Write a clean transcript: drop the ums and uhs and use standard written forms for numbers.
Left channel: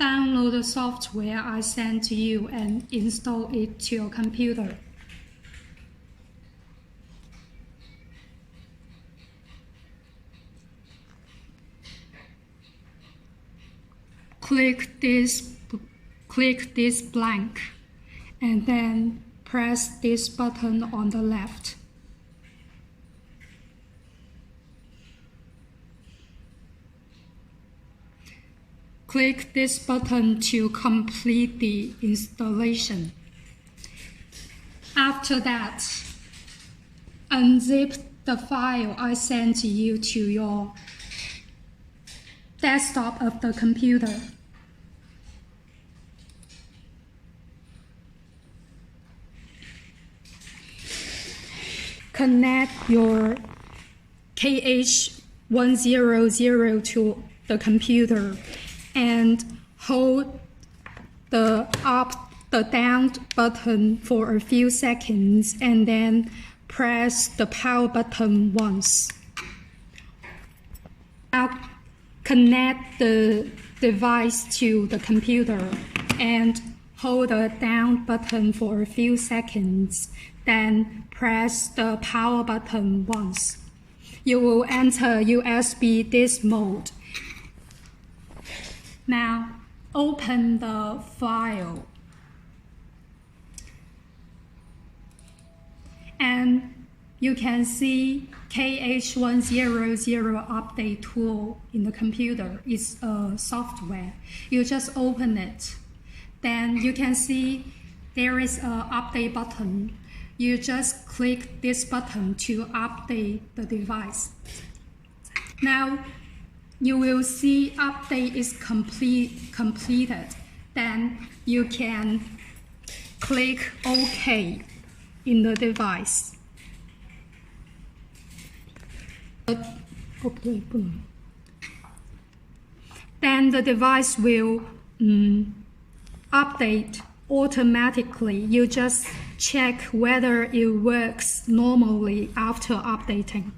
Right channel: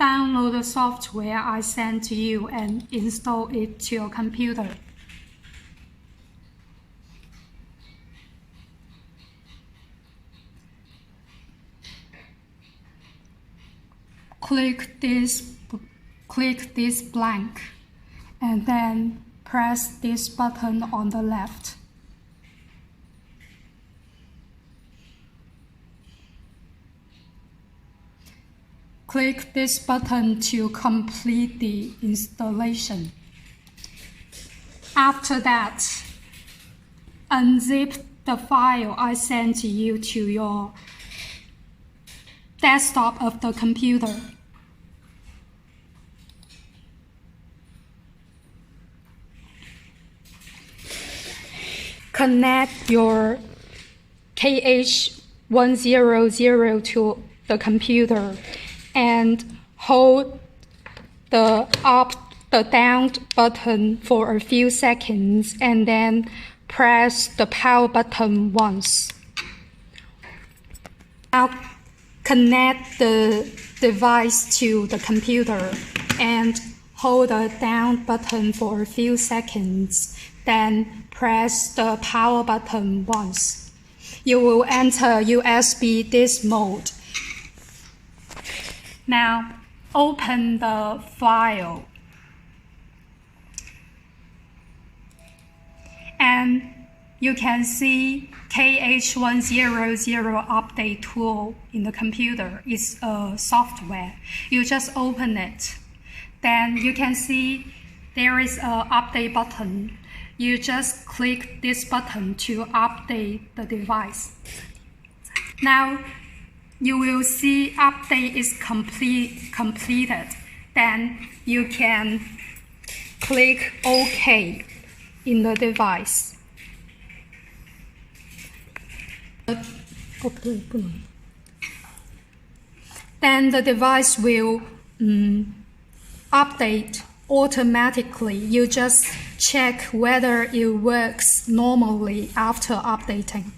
download the software I sent to you and install it to your computer. Click this blank and then press this button on the left. Click this button to complete the installation. After that, unzip the file I sent to you to your desktop of the computer. Connect your KH100 to the computer and hold the up, the down button for a few seconds and then press the power button once. Now connect the device to the computer and hold the down button for a few seconds, then press the power button once. You will enter USB disk mode. Now, open the file and you can see KH100 update tool in the computer. It's a software. You just open it. Then you can see there is an update button. You just click this button to update the device. Now, you will see update is completed. Then you can click OK in the device. Then the device will update automatically. You just check whether it works normally after updating.